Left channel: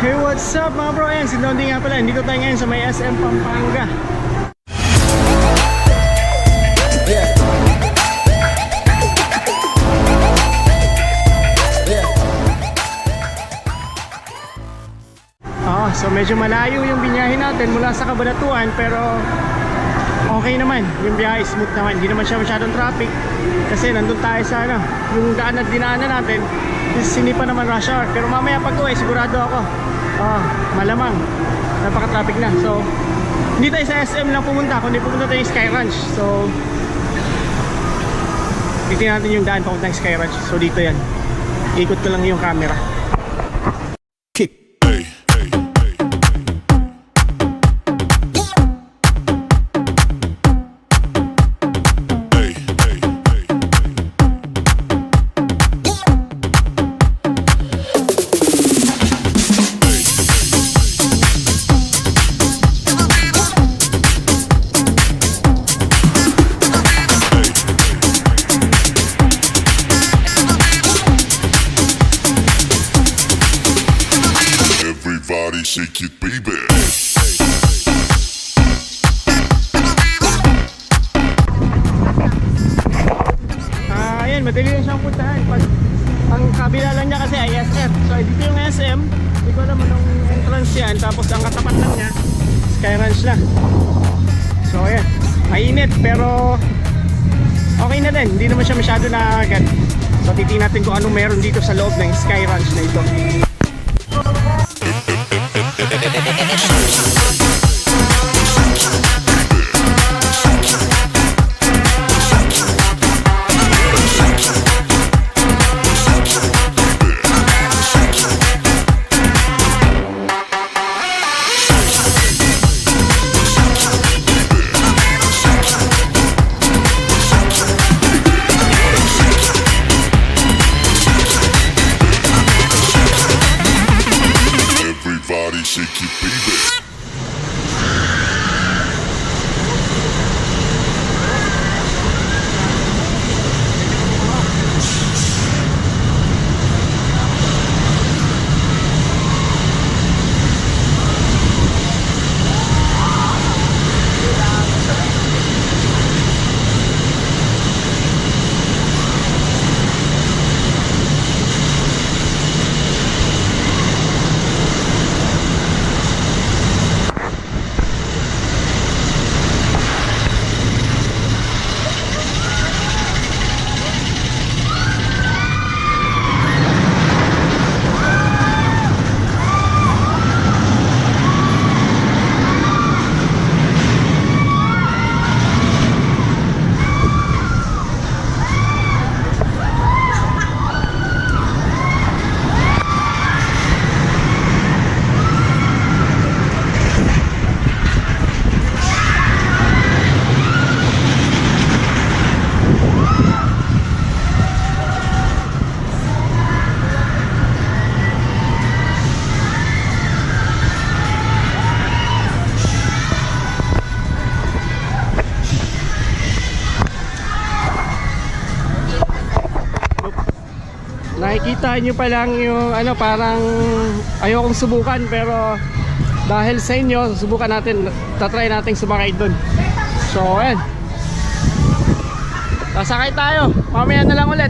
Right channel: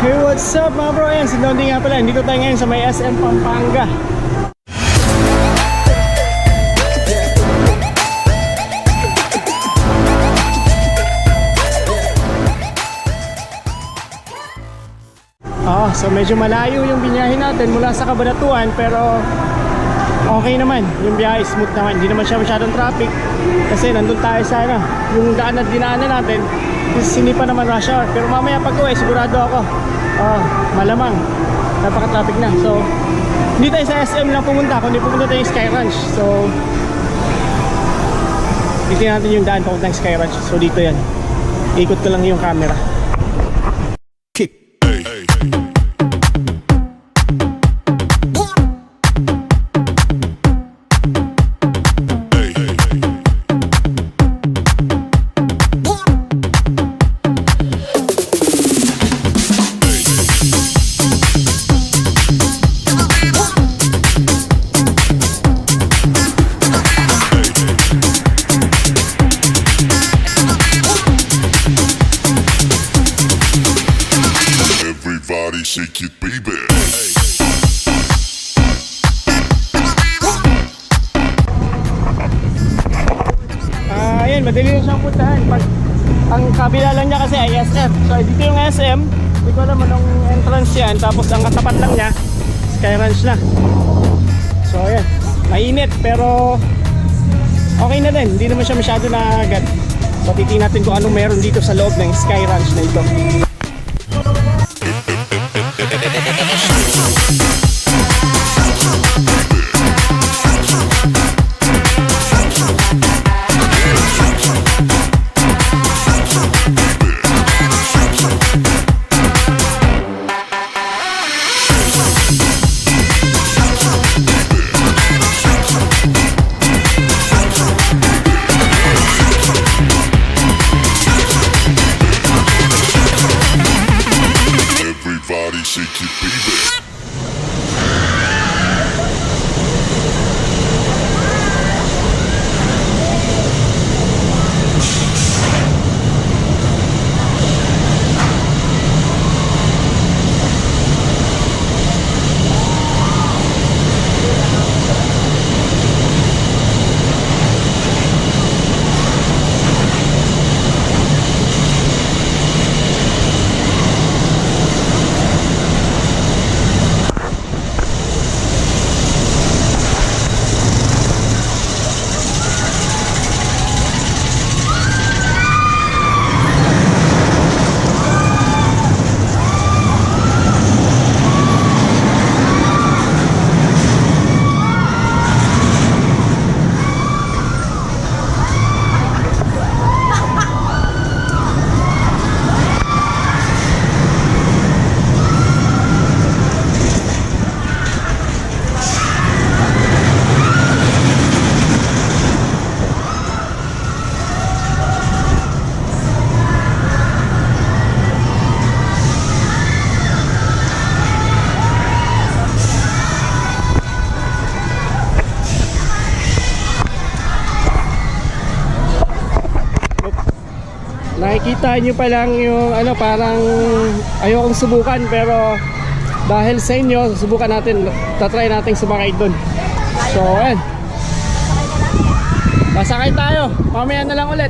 Hey, what's up mga bro? Ayan, si Dondi nga pala. Dito tayo ngayon sa may SM Pampanga. So medyo malayo yung binyahin natin mula sa Cabanatuan, pero okay naman, yung biyahe smooth naman, hindi naman siya masyadong traffic kasi nandun tayo sa yung daan na dinaanan natin hindi pa naman rush hour, pero mamaya pag uwi sigurado ako malamang napaka-traffic na. So hindi tayo sa SM lang pumunta, kundi pumunta tayo yung Sky Ranch. So titignan natin yung daan papuntang Sky Ranch. So dito yan, ikot ko lang yung camera. Shake it, baby. Ayan, madali lang siyang puntahan. Ang kabila lang niya kasi ay SM. So dito yung SM, hindi ko alam anong entrance yan. Tapos ang katapat lang niya, Sky Ranch na. So ayan, mainit pero okay na din. Hindi naman siya masyado na agad. So titingnan natin kung anong meron dito sa loob ng Sky Ranch na ito. Shake it, baby. Nakikita nyo pa lang yung parang ayokong subukan, pero dahil sa inyo subukan natin, tatry natin sumakay dun. So ayan, sasakay tayo, mamaya na lang ulit.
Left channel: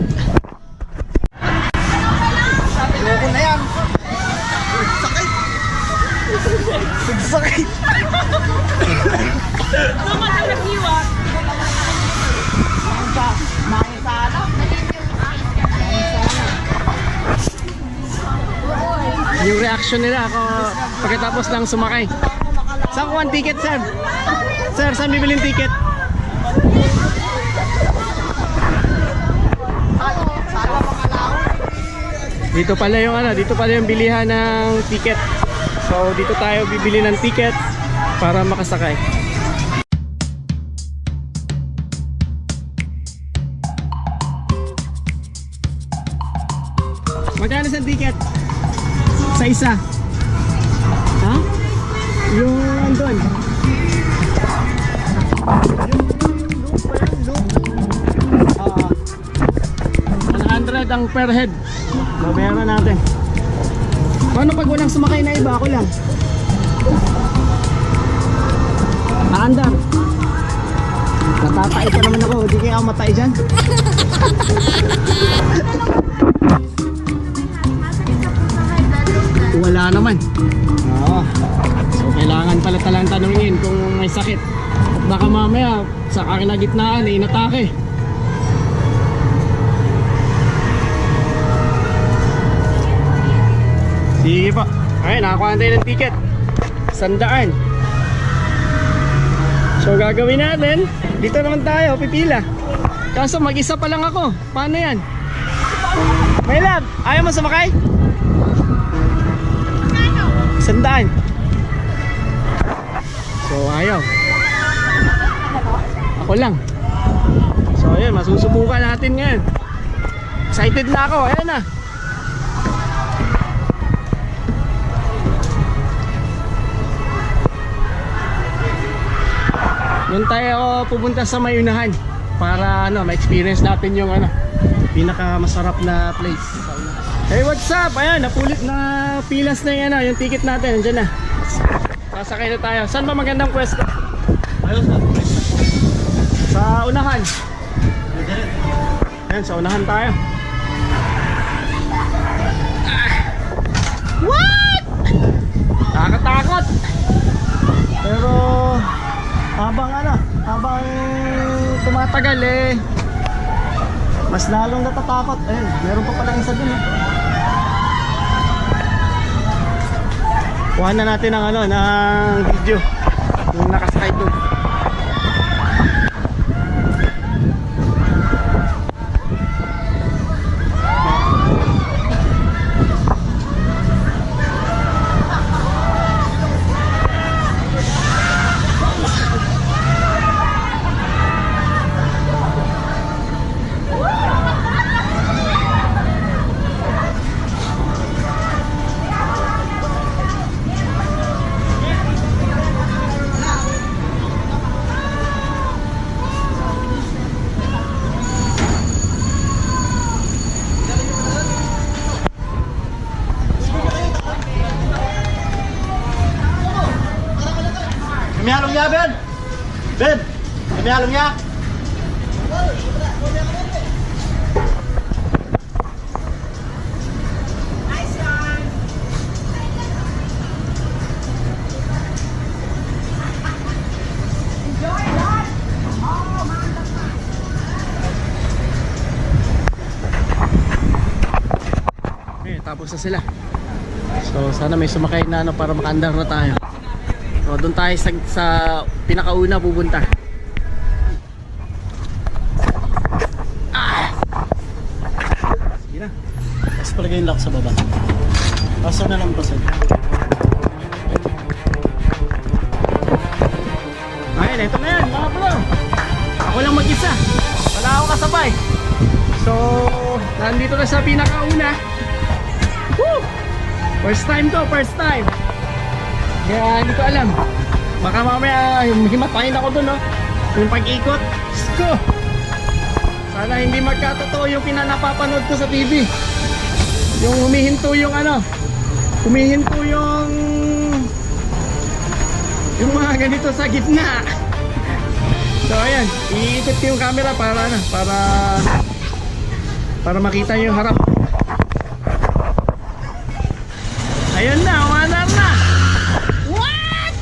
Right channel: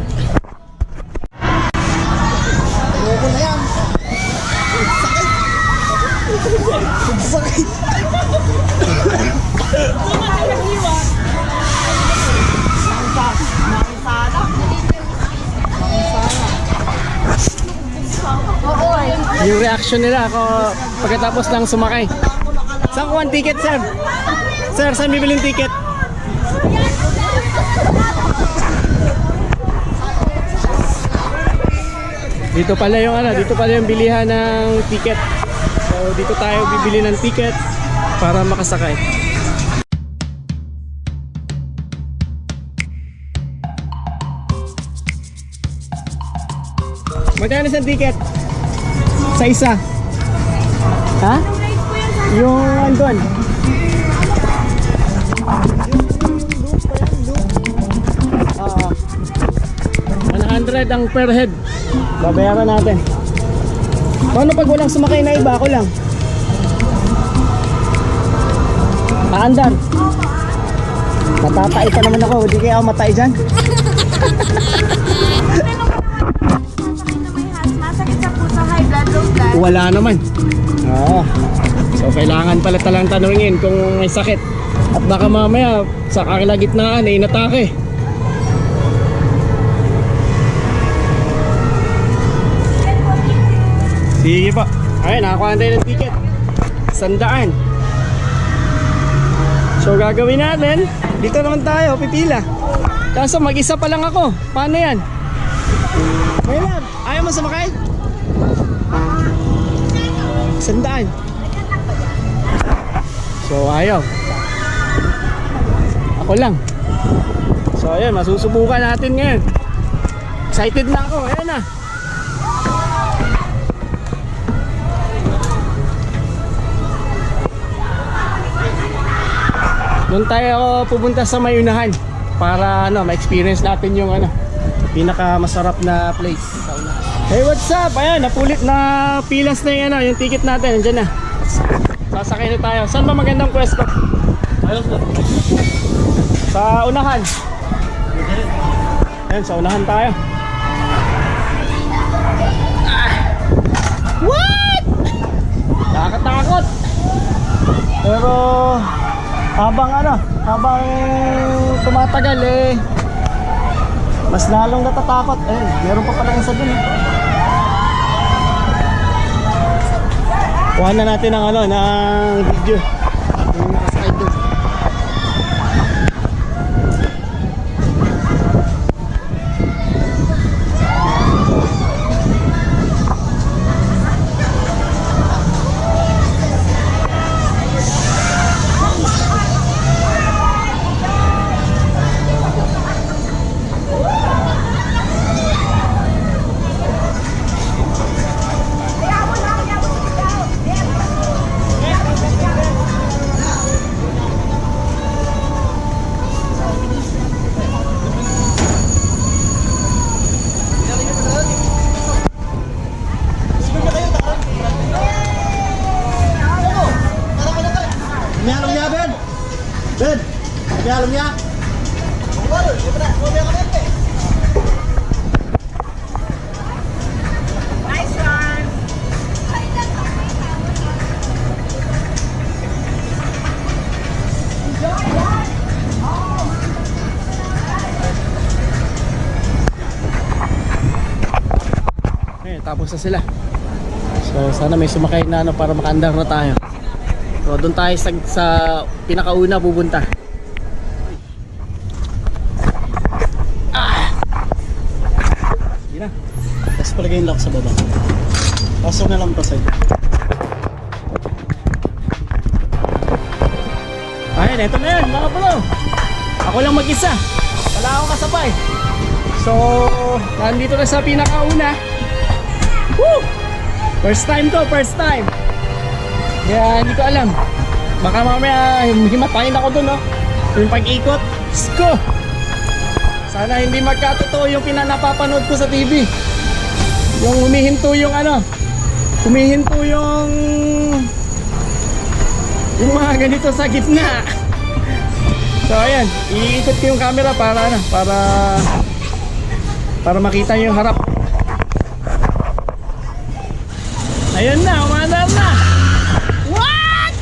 Ayoko na yan. Sakit. Sakit. Tumatay ng iwak. Makisala. Yung reaction nila ako pagkatapos lang sumakay. Saan kuha ang ticket, sir? Sir, saan bibilin ticket? Dito pala yung bilihan ng ticket. So dito tayo bibili ng ticket para makasakay. Magkano sa ticket? Sa isa? Ha? Yung andun? Yung loop pa yan, loop. 100 ang per head. Babayaran natin. Paano pag walang sumakay na iba? Ako lang. Aandar. Matatay pa naman ako. Hindi kaya ako matay dyan. Masakit sa puso, high blood, low blood. Wala naman. Oo. So kailangan pala talang tanungin kung may sakit. At baka mamaya sa kalagitnaan ay inatake. Sige po. Ayun, nakakuha tayo ng ticket. 100. So gagawin natin, dito naman tayo, pipila. Kaso mag-isa pa lang ako. Paano yan? May lab, ayaw mo sumakay? 100. So ayaw. Ako lang. So ayun, masusubukan natin ngayon. Excited na ako, ayun na. Doon tayo pupunta sa may unahan para ma-experience natin yung pinaka masarap na place sa unahan. Hey, what's up? Ayan, napulit na pilas na yung yung ticket natin, nandiyan na. Sasakay na tayo. Saan ba magandang pwesto? Sa unahan. Ayan, sa unahan tayo. What? Nakakatakot. Pero habang tumatagal mas lalong natatakot. Ayun, meron pa palang isa dun. Kuha na natin ng ng video yung nakasakay dun. May halong niya, Ben! Ben! May halong niya! Nice one. Enjoy that. Oh, mantap na. Tapos na sila. So sana may sumakay na para makaandar na tayo. So doon tayo sa pinakauna pupunta. Sige na. Tapos palagay yung lock sa baba. Pasok na lang pa sa'yo. Ayun, eto na yan mga bro. Ako lang mag-isa. Wala akong kasabay. So nandito na sa pinakauna. Woo! First time to, first time. Kaya hindi ko alam. Baka mamaya himatayin ako dun, no? Yung pag-ikot. Sko! Sana hindi magkatotoo yung pinanapapanood ko sa TV. Yung humihinto yung humihinto yung mga ganito sa gitna. So ayan, iikot ko yung camera para makita yung harap. Ayun na, umaandar na. What?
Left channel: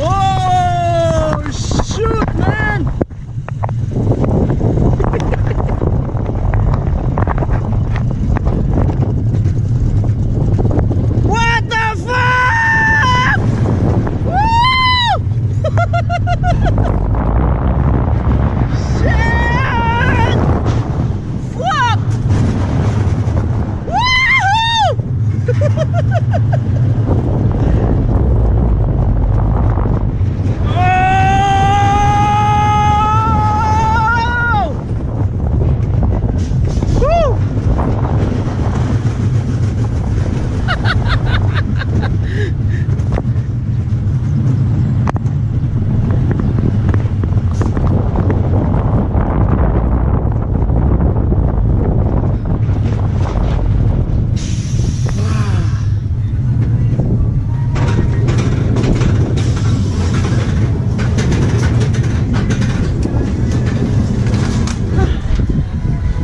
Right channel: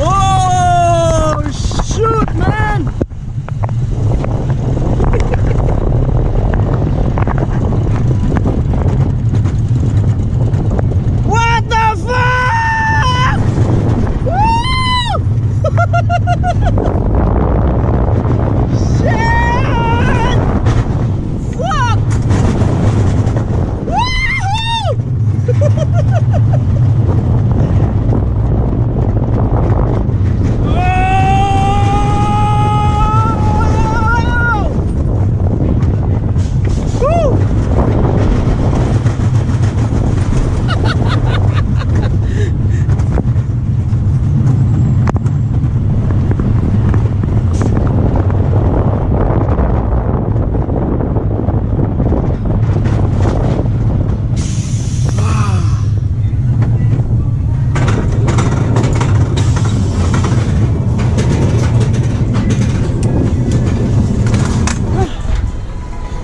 Oh, shoot, man. What the fuck?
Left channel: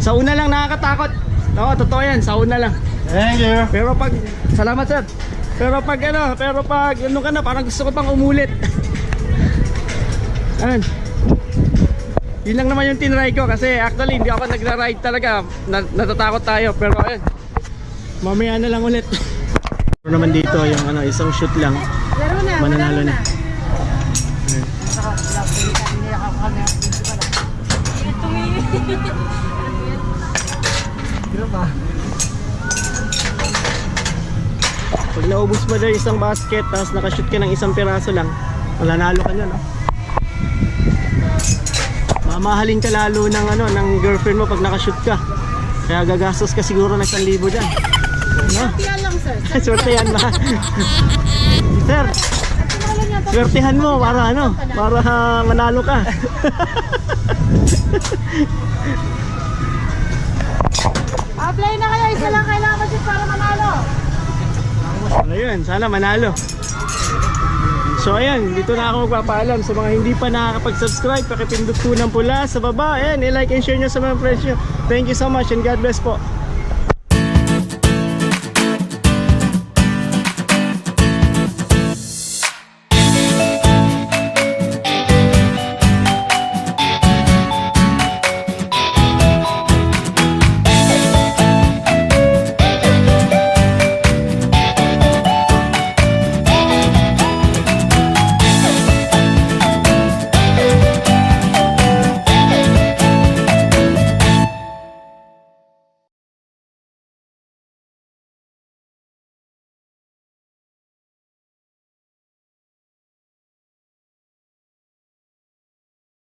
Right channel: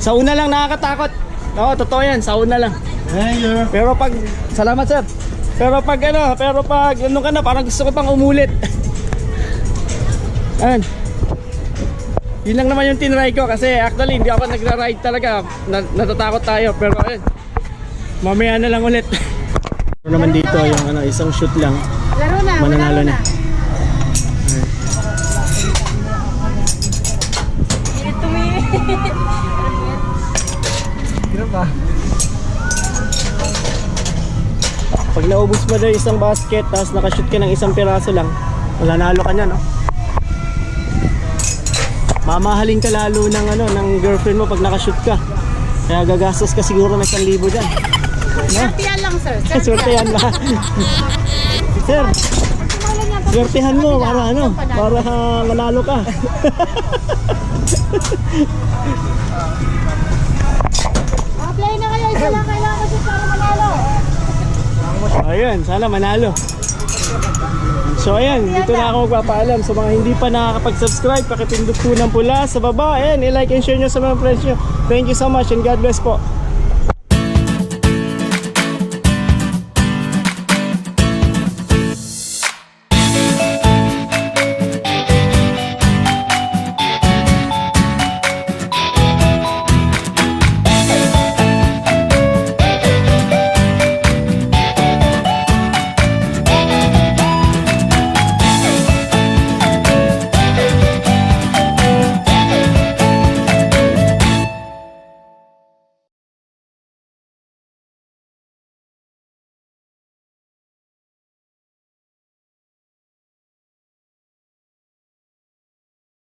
Sa una lang nakakatakot. Oo, totoo yan, sa una lang. Thank you. Pero pag, salamat sir. Pero pag ano ka na, parang gusto ko pang umulit. Ayan. Yun lang naman yung tinry ko kasi actually hindi ako nagra-ride talaga. Natatakot tayo pero ayun. Mamaya na lang ulit. Pero naman dito yung ano, isang shoot lang. Laro na, Mananalo na. Ito may... Pag naubos mo na yung isang basket tapos nakashoot ka ng isang piraso lang, mananalo ka niya, no? Mamahalin ka lalo ng ano, ng girlfriend mo pag nakashoot ka. Kaya gagastos ka siguro ng 1,000 dyan. No? Yan lang, sir. Swertehan ba? Sir, swertehan mo para ano, para manalo ka. Apply na kayo. Isa lang kailangan kasi para manalo. Ayun, sana manalo. So ayan, dito na ako magpapaalam sa mga hindi pa nakakapag-subscribe, pakipindot po ng pula sa baba. Ayan, i-like and share nyo sa mga friends nyo. Thank you so much and God bless po.